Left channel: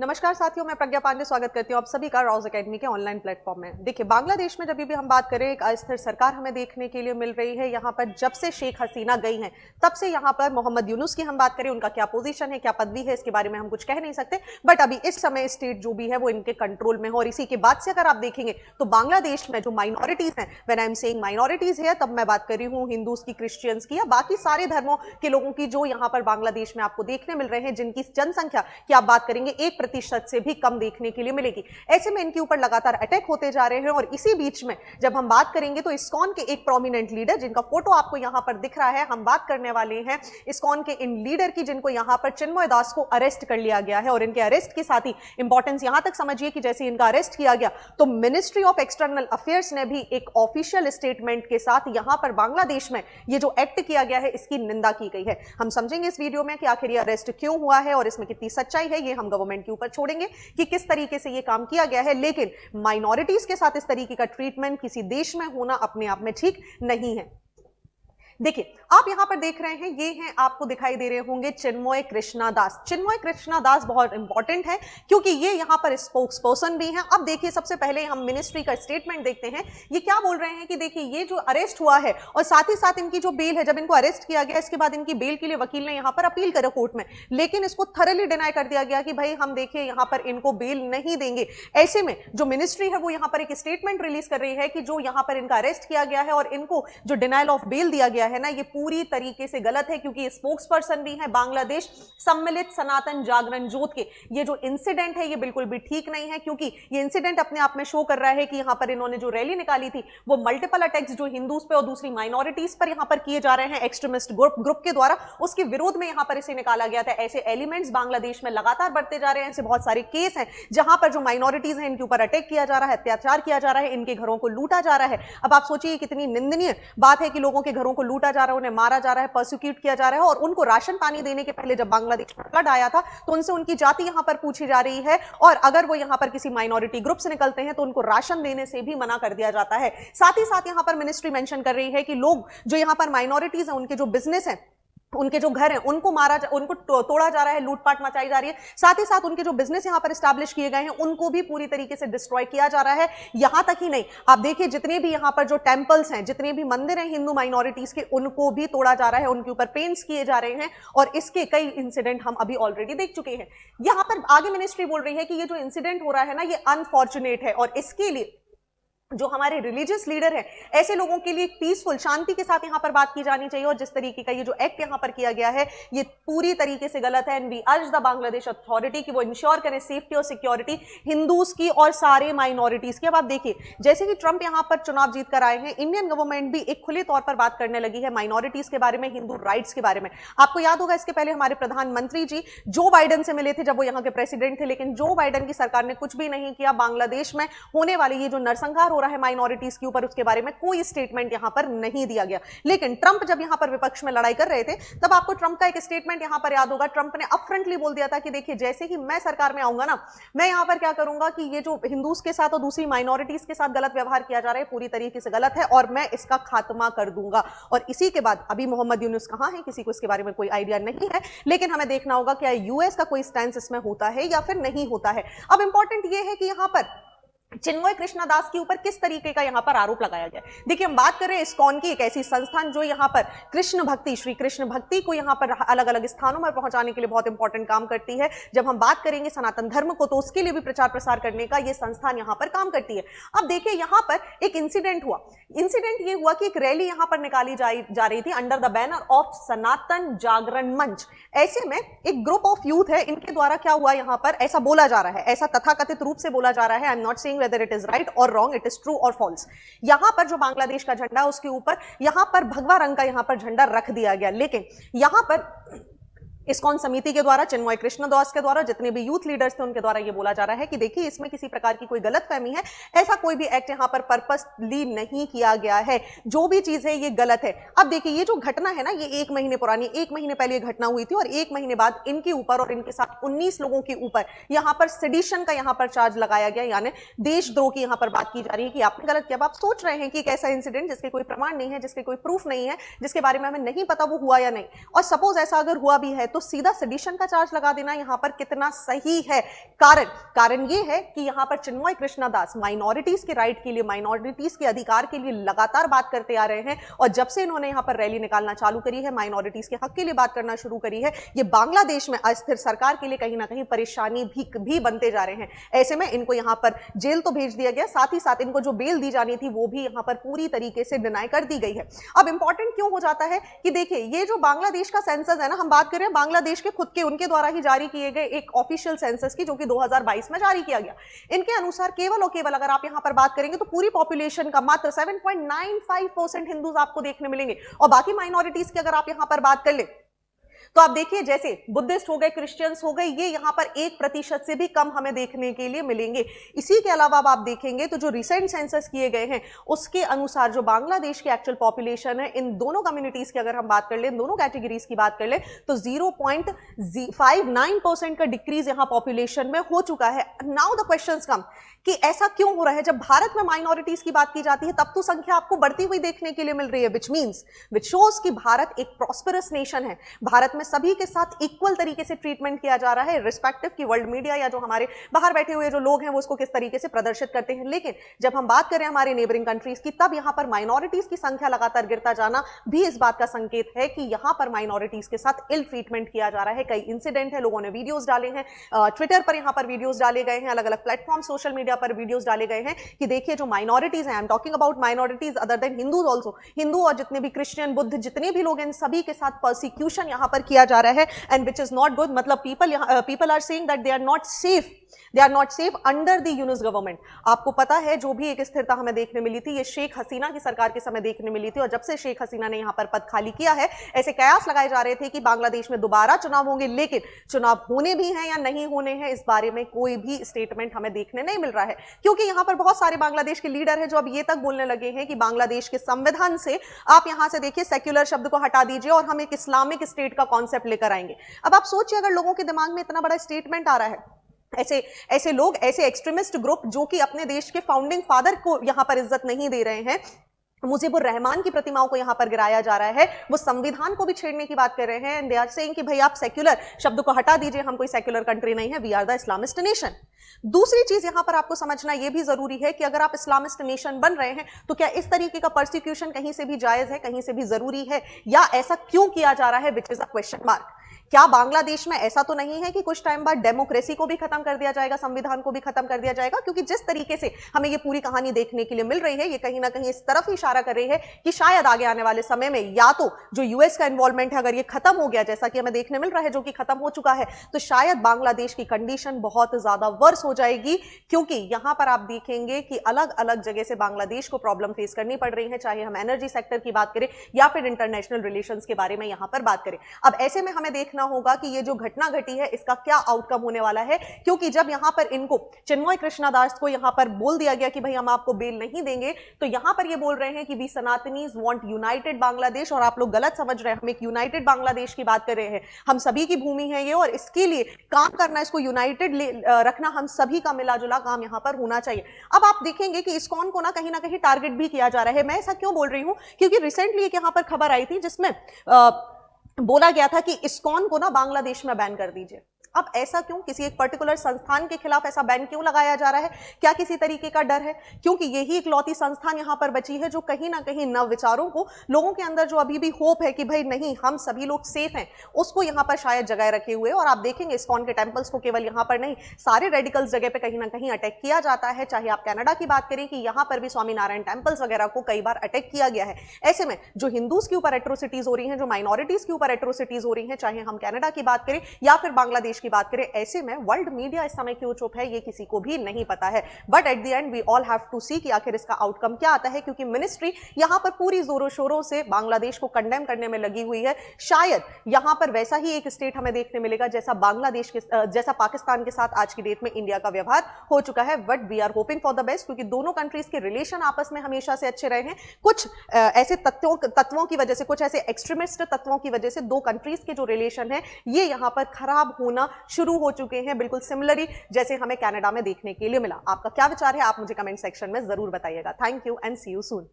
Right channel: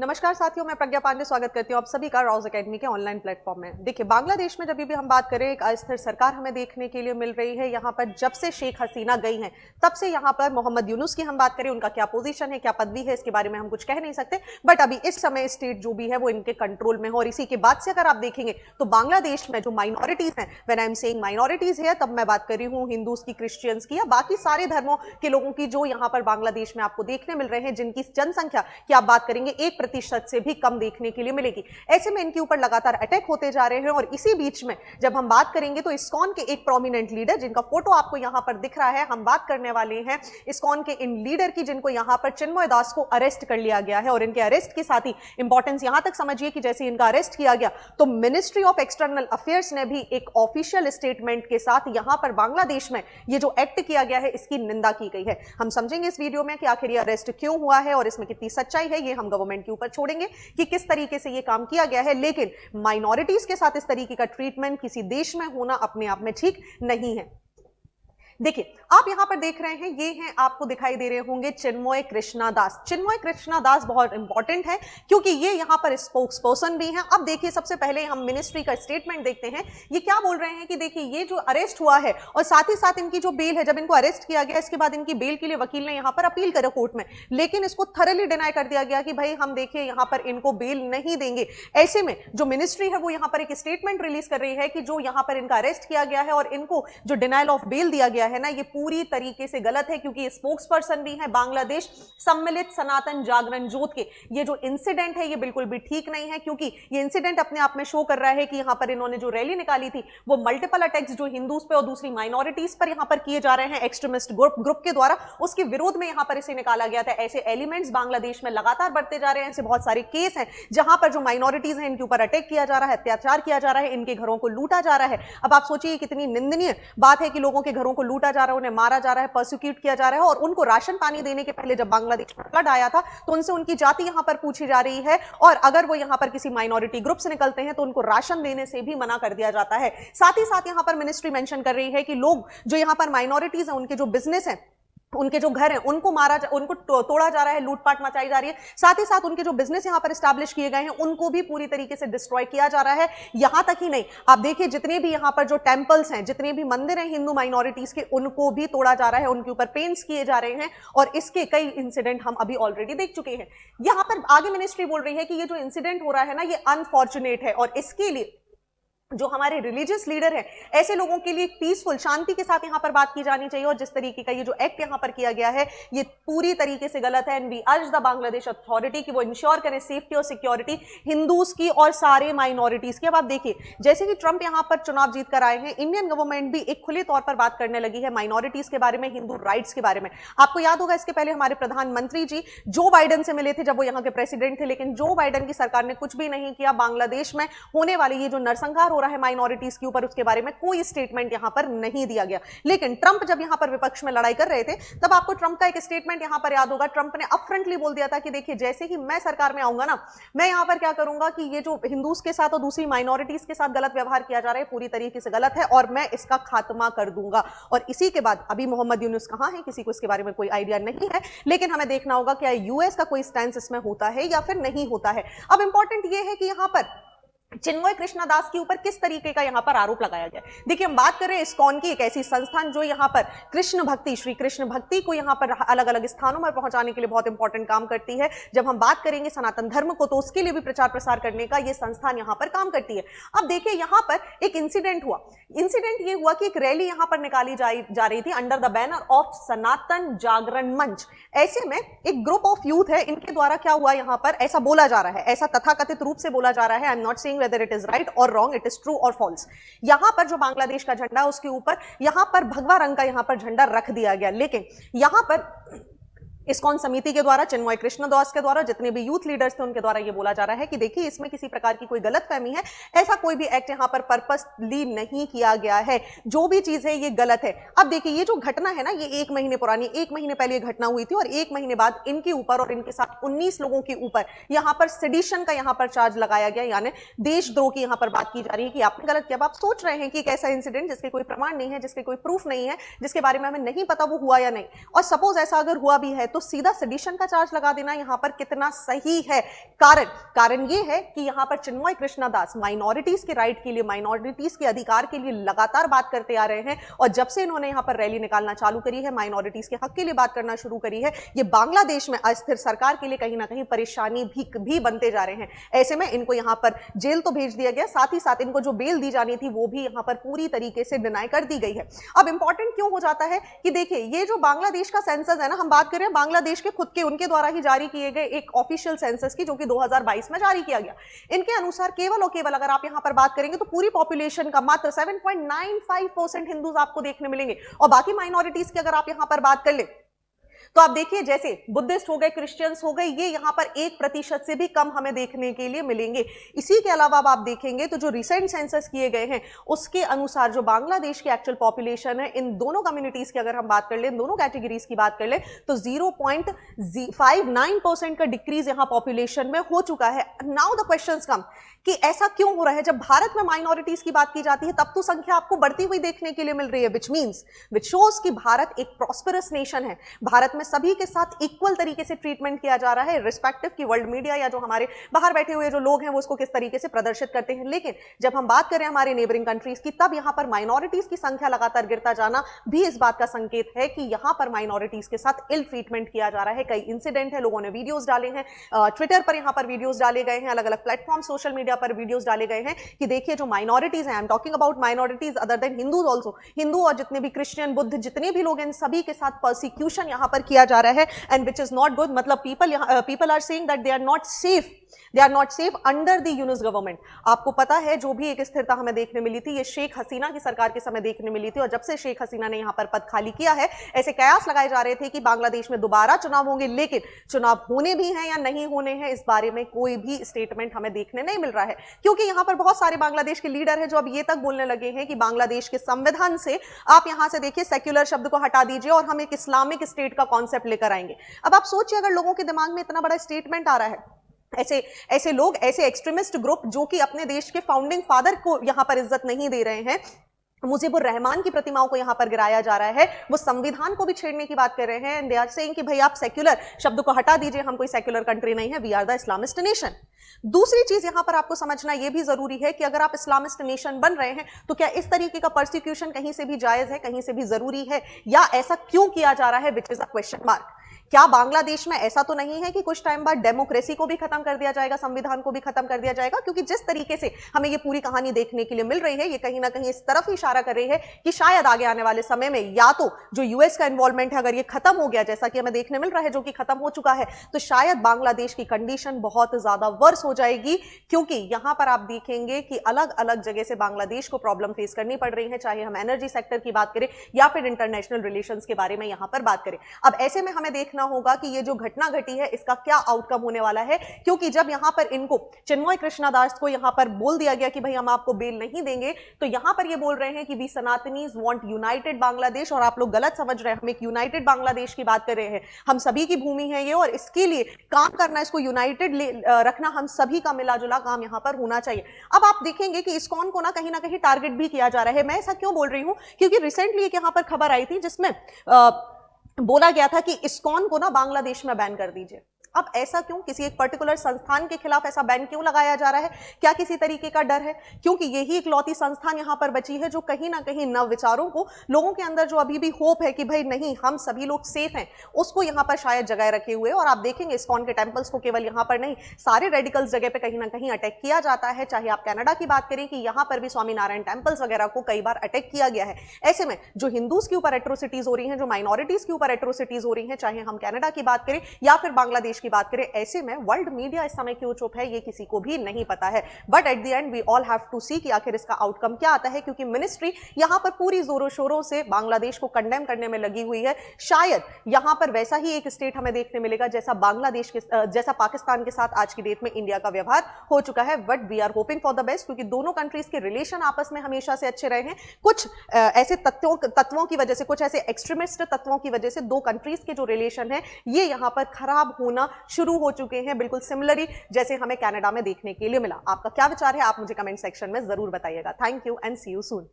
नमस्कार साथियों, मैं प्रज्ञा पांडे स्वागत करती हूँ आप सभी का रॉज एकेडमी के ऑनलाइन प्लेटफॉर्म में। देखिए, बांग्लादेश में जब भी हम बात करें, एक अस्थिर सरकार हमें देखने के लिए मिल रही है। यहाँ पर जब से शेख हसीना गई हैं, तब से यहाँ पर मोहम्मद यूनुस की हम बात करें, उनका क्या पोजीशन है, क्या पदवी है, इसके बारे में हम कुछ कह नहीं सकते। बट अभी इस समय स्टेट जो भी है वो इनके कंट्रोल में है। और इसी की बात से अगर आप देखेंगे तो बांग्लादेश में जो माइनॉरिटीज हैं, when I am saying minorities है, तब मैं बात कर रही हूँ हिंदूज की, क्रिश्चियंस की या बाकी सारे धर्मों के लोगों की, जो यहाँ पर बांग्लादेश में आपको देखने मिल रहे हैं, जिनकी जनसंख्या की आप बात करेंगे 1% से भी कम देखने के लिए मिलेगी। ऐसे में इनके ऊपर लगातार अटैक होते जा रहे हैं। और इसी बीच में जब हम बात करेंगे तो इस्कॉन के एक प्रोमिनेंट लीडर, जिनका फोटो आपको यहां पर दिख रहा है, हम बात करने वाले हैं इस्कॉन के इन लीडर की, जिनको यहां पर चिन्मय दास को अरेस्ट कर लिया गया है। और इनके अरेस्ट के साथ ही इंपॉर्टेंस यहां तक समझिए कि जैसे इनका अरेस्ट किया गया तो मिनिस्ट्री ऑफ एक्सटर्नल अफेयर्स ने भी एक ऑफिशियल स्टेटमेंट के साथ यहां पर बांग्लादेश में ये जो एक्ट किया गया है, इसकी निंदा की गई है। हम समझेंगे इस वीडियो में कि आखिर ये अरेस्ट क्यों हुआ है और इसमें कितनी सच्चाई है। ये हम गवर्नमेंट के ऊपर छोड़ेंगे कि किस तरीके से ये काम किया गया है। लेकिन माइनॉरिटीज के साथ इस तरीके का ट्रीटमेंट किसी देश में होना अपने आप में ठीक नहीं है। देखिए, आप यहां पर देख रहे हैं, ये हैं, आपको दिखाई दे रहे होंगे चिन्मय कृष्णा दास। चिन्मय कृष्णा दास बहुत इंपॉर्टेंट है क्योंकि ये यहां पर स्पोक्स पर्सन भी हैं। अब देखिए, सबसे पहले हम मिनिस्ट्री का स्टेटमेंट देखते हैं। ये क्या बोल रहे हैं कि देखिए, ये जो अरेस्ट हुआ है और साथ ही साथ इनकी जो बेल है, जब इनको अरेस्ट किया गया इसके बाद इनकी बेल के लिए वकील ने यहां पर अपील करा कोर्ट में, लेकिन इसको थरली डिनाई कर दिया गया कि भाई हम देखिए यहां पर इनको बेल नहीं देंगे। ऐसे में जो मिनिस्ट्री है वो यहां पर एक स्टेटमेंट रिलीज कर रही है कि जो यहां पर इनका अरेस्ट किया गया है और इनको जो डिनाइल ऑफ बेल दिया गया है ना, ये पूरी तरीके से गलत है। क्योंकि स्पोक्स पर्सन भी है बांग्लादेश सम्मिलित सनातन जागरण जोत के। ये जो इंसिडेंट है ये बिल्कुल भी ठीक नहीं है, क्योंकि ये इंसिडेंट अपने आप में शो कर रहा है कि यहां पर इन्होंने जो रैली निकाली थी वो मल्टीपल अटैक्स जो हिंदूज पे और दूसरी माइनॉरिटीज पर यहां पर किए जा रहे हैं एक्सट्रीमिस्ट ग्रुप के द्वारा, उसके विरोध में यहां पर इसे निकाला गया था। ऐसे एलिमेंट्स बांग्लादेश में लगातार बढ़ते जा रहे हैं। ऐसे बहुत सारे केस हैं जहां पर जो माइनॉरिटीज हैं इनके ऊपर अटैक किया जा रहा है, अत्याचार किया जा रहा है, इनके घरों को लूटा जा रहा है। अब आप सोचिए कितनी निंदनीय बात है कि लोगों के घरों को लूटा जा रहा है, उन्हें मारा जा रहा है, प्रोसिक्यूट किया जा रहा है। और उनको राशन पानी देने के पहले जब बांग्लादेश में फ्लड आया था तो उनसे उनकी जाति यहां पर पूछी जा रही है, और अगर वो यहां पर किसी माइनॉरिटी ग्रुप से निकलते हैं तो उनको राशन देने से भी मना कर दिया जाता है। साथ ही साथ यहां पर मिनिस्ट्री मेंशन कर रही है कि लोग जो यहां पर माइनॉरिटीज हैं, उनके जो बिजनेस है, उनके जो घर है, उनको उनको तोड़ा जा रहा है, लूटपाट मचाई जा रही है। साथ ही साथ उनके जो बिजनेस यहां पर एस्टैब्लिश किए गए हैं उनको भी पूरी तरीके से डिस्ट्रॉय किया जा रहा है। यहां तक ही नहीं, आप देखिए जितने भी यहां पर जो टेंपल्स हैं, जितने भी मंदिर हैं हिंदू माइनॉरिटीज के, उनको भी तोड़ा जा रहा है, उनके ऊपर पेंट्स किए जा रहे हैं। और इसके कई इंसिडेंट हम अभी ऑलरेडी देख चुके हैं। यहां पर आगे मिनिस्ट्री बोल रही है कि ये जो इंसिडेंट हो रहा है ना, ये अनफॉर्चुनेट है, और इसके लिए जो हमारे रिलीजियस लीडर है, ऐसे लोगों के लिए पीसफुल शांति के साथ यहां पर बात की जानी चाहिए। और जिस तरीके का ये जो एक्ट यहां पर किया गया है ये पूरी तरीके से गलत है। And we urge the Bangladesh authority कि वो इंश्योर करें सेफ्टी और सिक्योरिटी हिंदूज की और सारे माइनॉरिटीज की। अब आप देखिए, जैसे कि ट्रंप यहां पर चुनाव जीत कर आए हैं, इंडियन गवर्नमेंट भी एक खुले तौर पर बात करने लगी है माइनॉरिटीज के बारे में, हिंदू राइट्स के बारे में। आपको याद होगा इसके पहले हमारे प्रधानमंत्री जी जो बाइडेन से मिले थे जब वो यहां के प्रेसिडेंट थे, लेकिन जो बाइडेन की सरकार ने कुछ भी नहीं किया। बांग्लादेश में होने वाले ये जो नरसंहार हो रहा है माइनॉरिटीज के ऊपर, उसके बारे में कोई स्टेटमेंट यहां पर नहीं दिया गया। लेकिन ट्रंप जब यहां पर विपक्ष में लड़ाई कर रहे थे, तब आपको ट्रंप का एक स्टेटमेंट यहां पर याद होगा। ट्रंप ने अपफ्रंटली बोल दिया था कि देखिए, जैसे ही मैं सरकार में आऊंगा ना, मैं यहां पर क्या करूंगा कि ये जो हिंदूज के साथ और दूसरी माइनॉरिटीज के साथ गलत व्यवहार किया जा रहा है, पूरी तरीके से गलत है, और मैं इसका खात्मा कर दूंगा। और इसी के बाद अभी मोहम्मद यूनुस कहां है, किसी को इसके बारे में कोई आइडिया नहीं है। लेकिन हमें देखना होगा क्या यूएस का कोई स्टैंड इसमें होता है या फिर नहीं होता है। अब इंपॉर्टेंट ये है कि यहां पर चिन्मय कृष्णा दास के ऊपर किस तरीके का यहां पर आरोप लगाया गया। देखिए, हम बात करें इस्कॉन की, एक ऐसी संस्थान जो यहां पर कृष्ण भक्ति, श्री कृष्ण भक्ति को यहां पर अलग अलग स्थानों में पहुंचाने के लिए बहुत इंपॉर्टेंट काम करती है। जब हम बात करेंगे सनातन धर्म को, तो उसके लिए भी प्रचार प्रसार करने का यह संस्थान यहां पर काम करती है। अब देखिए, यहां पर एक इंसिडेंट हुआ। इंसिडेंट ये हुआ कि एक रैली यहां पर निकाली जा रही थी अंडर द बैनर ऑफ सनातन जागरण मंच। ऐसे में एक ग्रुप ऑफ यूथ है, इनके द्वारा क्या हुआ, यहां पर ऐसा बोला जा रहा है, ऐसा तथाकथित रूप से बोला जा रहा है, I am not saying whether it is right और रॉन्ग, इट इज ट्रू और फॉल्स। यहां पर जो बांग्लादेश का झंडा है उसके ऊपर यहां पर भगवा रंग का यहां पर झंडा रख दिया गया। लेकिन यहां पर इस्कॉन समिति के द्वारा, चिन्मय कृष्ण दास के द्वारा, जितने भी यूथ लीडर्स थे उनके द्वारा ये बोला जा रहा है कि देखिए, इसमें किसी प्रकार की कोई गलतफहमी है, ऐसा कोई भी एक्ट यहाँ पर पर्पसली नहीं किया गया है, जो भी चीज है ये गलत है। अब देखिए, ये जो घटना है ना, ये 1 महीने पुरानी, 1 महीने पहले ये घटना हुई थी, और 1 महीने बाद इनके ऊपर और इनके साथ 19 लोगों के ऊपर यहाँ पर सेडिशन का यहाँ पर चार्ज लगाया गया, यानी देशद्रोह की यहाँ पर बात की जा रही है कि आपने गलत किया। अब आप सोच रहे हैं कि एक ऐसा इंसिडेंट जिसके कोई प्रमाण नहीं है, जिसके कोई प्रूफ नहीं है, जिसके बारे में हमें नहीं पता वो हुआ या नहीं, और सपोज ऐसा अगर हुआ भी है तो तो सीधा सेडिशन का चार्ज लगा देना यहाँ पर कितना सही है। कारण ये है कि यहाँ पर चिन्मय कृष्णा दास माइनॉरिटीज के राइट के लिए, माइनॉरिटीज के अधिकार के लिए लगातार बात करते आ रहे हैं, और जब से इन्होंने यहाँ पर रैली निकालना चालू करी है, माइनॉरिटीज के हक के लिए बात करना शुरू करी है, ये बांग्लादेश में अस्थिर सरकार के लिए कहीं ना कहीं परेशानी भी बनते जा रहे हैं। ऐसे में इनको यहाँ पर जेल तो भेज दिया गया, साथ ही साथ इनको जो बेल दी जानी थी वो भी यहाँ पर पूरी तरीके से डिनाई कर दी गई है। अब इंपॉर्टेंट क्यों हो जाता है कि देखिए ये जो बांग्लादेश का सेंसस है ना, हम बात करें बांग्लादेश के खुद के उनके द्वारा ही जारी किए गए एक ऑफिशियल सेंसस की, जो कि 2022 में जारी किया गया। इनके अनुसार केवल और केवल अगर आप यहाँ पर बात करेंगे तो पूरी पॉपुलेशन का मात्र 7.95% हिंदूज आपको देखने मिलेंगे, और बाकी माइनॉरिटीज की अगर आप यहाँ पर बात कर ले तो आप देखिए जैसे बुद्धिस्ट हो गए, क्रिश्चियंस हो गए, ये यहाँ पर 1% से भी कम हमें देखने के लिए मिलेंगे। इसी के अलावा अब आप देखेंगे तो जो रिसेंट सेंसस किए गए हैं उसके अनुसार जो बांग्लादेश की एक्चुअल पॉपुलेशन है, इन दोनों कम्युनिटीज की अगर हम बात कर ले, इन दोनों कैटेगरीज की बात कर ले, तो 0.59% का डिक्रीज यहाँ पॉपुलेशन में हो चुका है। नाउ द क्वेश्चंस कम कि ऐसा क्यों हो रहा है। जब भारत में माइनॉरिटीज की बात की जाती है तब तो संख्या आपको बढ़ती हुई देखने के लिए मिल रही है, विच शोज कि भारत एक प्रॉस्परस नेशन है। भारत में सभी के साथ इक्वल तरीके से ट्रीटमेंट किया जा रहा है, रिस्पेक्टिव कि वर्ल्ड मीडिया या जो हमारे बाहर बैठे हुए जो लोग हैं वो उसको किस तरीके से प्रदर्शित करते हैं। लेकिन जब हम बात करें हमारे नेबरिंग कंट्रीज की, तब यहाँ पर माइनॉरिटीज की संख्या लगातार गिरता जाना भी इस बात का संकेत है कि यहाँ पर माइनॉरिटीज के साथ इल ट्रीटमेंट किया जा रहा है। कई इंसिडेंट है, लोगों ने वीडियोज डाले हैं, ट्विटर पर यहाँ पर वीडियोज डाले गए हैं, अलग अलग प्लेटफॉर्म सोशल मीडिया पर वीडियोस डाले गए हैं कि देखिए जो माइनॉरिटीज हैं, I am talking about minorities other than Hindus also, Hindu और जितने भी क्रिश्चियन, बुद्ध, जितने भी लोग हैं, सभी के साथ परसिक्यूशन यहां पर किया जा रहा है, and which is not good. मतलब people are saying that they are not safe under the Yunus government. आपको पता है जो भी एक स्थिरता हमें देखने मिली थी, ये शेख हसीना की सरकार के समय देखने मिली थी, और जब से शेख हसीना ने यहां पर पद खाली किया है, ऐसे कयास लगाए जा रहे थे कि बांग्लादेश में दोबारा चुनाव होंगे, लेकिन चुनाव होने भी हैं या नहीं होने हैं इस बारे में कोई भी स्टेटमेंट हमें देखने नहीं मिल रहा है, क्योंकि यहां पर बहुत सारे बांग्लादेश के लीडर हैं जो अब ये तक बोलने लगे हैं कि बांग्लादेश के संविधान से आप यहां से देखिए सेक्युलर शब्द को हटा दीजिए और हम एक इस्लामिक स्टेट का कॉन्सेप्ट लेकर आएंगे। अब आप सोचिए अगर लोगों के दिमाग में इतना बड़ा स्टेटमेंट आ रहा है, ऐसे लोग, ऐसे एक्सट्रीमिस्ट ग्रुप जो कि अपने देश के फाउंडिंग फादर को यहां पर इज्जत नहीं दे रहे हैं, मुजीबुर रहमान की प्रतिमाओं को यहां पर गिराया जा रहा है, वो संविधान को भी छेड़ने की बात कर रहे हैं, एंड दे आर सेइंग कि भाई आप सेक्युलर शब्द को हटा दीजिए, हम कोई सेक्युलर कंट्री नहीं है, we are the Islamist nation. दूसरी चीज यहां पर आपको समझना यह भी जरूरी है कि अगर आप इस्लामिस्ट नेशन बन रहे हैं तो क्या इस तरीके का परसिक्यूशन कहीं से भी जायज है, कहीं से भी जरूरी है, या ऐसा क्यों किया जा रहा है, which is a question mark. क्या बांग्लादेश में ऐसा तो नहीं है कि कुछ टाइम बाद डेमोक्रेसी को भी खत्म कर दिया जाएगा, संविधान को भी खत्म कर दिया जाएगा? क्योंकि जिस तरीके से हमें ये पूरी कहानी देखने के लिए मिल रही है, ये कहीं ना कहीं इस तरफ ही इशारा कर रही है कि शायद आगे आने वाले समय में या तो जो यूएस का इन्वॉल्वमेंट है अगर ये खत्म हो गया, जैसा कि हमें देखने मिल रहा है, जो कि खत्म हो चुका है, तो शायद बांग्लादेश की कंडीशन बहुत ज्यादा वर्स हो जाएगी, क्योंकि यहां पर आप देखेंगे कि अलग अलग जगह से बांग्लादेश को प्रॉब्लम फेस करनी पड़ रही है, चाहे हम एनर्जी सेक्टर की बात करें या फिर इंटरनेशनल रिलेशंस के बारे में यहां पर बात करें। अब ऐसे में हमें देखना होगा कि ये जो घटना घटी है इसका क्या आउटकम होने वाला है, क्योंकि जब यहां पर इनको चिन्मय कृष्णा दास को यहां पर बोल दिया गया कि भाई हम आपको बेल नहीं देंगे, तो यहां पर ये बोल रहे हैं कि वी सनातनीज वांट यूनाइटेड बांग्लादेश, और आप लोग गलत समझ रहे हैं, हम एक यूनाइटेड बांग्लादेश की बात कर रहे हैं, हम सभी की भूमि है ये, और इसके लिए काम करना, इसको यूनाइटेड रखना हम सभी का मिला जुला काम यहां पर होना चाहिए। अब आप देखेंगे कि इस्कॉन को ना कहीं टारगेट भी किया जा रहा है। मैं ऐसा क्यों बोल रही हूं, क्योंकि रिसेंटली एक यहां पर खबर आई थी जिसमें बोला गया था कि इस्कॉन को ना बांग्लादेश में बैन कर दीजिए। अब ऐसा क्यों, किसी एक पर्टिकुलर संस्थान के खिलाफ ऐसा बैन क्यों लगाया जा रहा है? क्या किसी तरीके का डर है? क्योंकि यही इकलौती संस्थान यहां पर बची है जो कहीं ना कहीं नवविचारों को, लोगों के अंदर जो अभी भी होप है कि भाई नहीं हम सभी लोग सेफ हैं, उसको यहां पर शायद जगह रखे हुए। और आप देखेंगे इस्कॉन के टेंपल्स को केवल यहां पर नहीं, सारे रेडिकल्स जगह पे कहीं ना कहीं अटैक किया जाता है। चाहे आप कनाडा की बात करें कि यहां पर भी स्वामीनारायण टेंपल्स वगैरह को कई बार अटैक किया गया है। ऐसे में जो हिंदूज के ऊपर एट्रोसिटीज हो रही हैं, जो माइनॉरिटीज के ऊपर एट्रोसिटीज हो रही हैं, चाहे हम कनाडा की बात करें या फिर बांग्लादेश की बात करें, ऐसे में वर्ल्ड मीडिया इस समय क्यों चुप है ये किसी को भी नहीं पता है। But at the end we all have to see कि आखिर इसका आउटकम क्या आता है, क्योंकि मिनिस्ट्री यहां पर पूरी जोरों शोरों से बांग्लादेश को कंडेम करने में लगी हुई है। शायद यहां पर वैसा ही एक स्टेट हमें देखने मिलेगा जैसा बांग्लादेश के जैसा पाकिस्तान के साथ आज की डेट में इंडिया का व्यवहार हो चुका है। But we are hoping for the best, क्योंकि दोनों कंट्रीज के रिलेशन आपस में हमेशा से अच्छे रहे हैं। कुछ ऐसे तत्वों की वजह से, कुछ ऐसे एक्सट्रीमिस्ट तत्वों की वजह से दो कंट्रीज के जो रिलेशन है ये यहां पर खराब होना शुरू हो चुके हैं, बिल्कुल सिमिलरली जैसे हमें कनाडा में देखने के लिए मिला। आपका क्या विचार है, आप मुझे कमेंट सेक्शन में जरूर बताइएगा। Thank you and see you soon.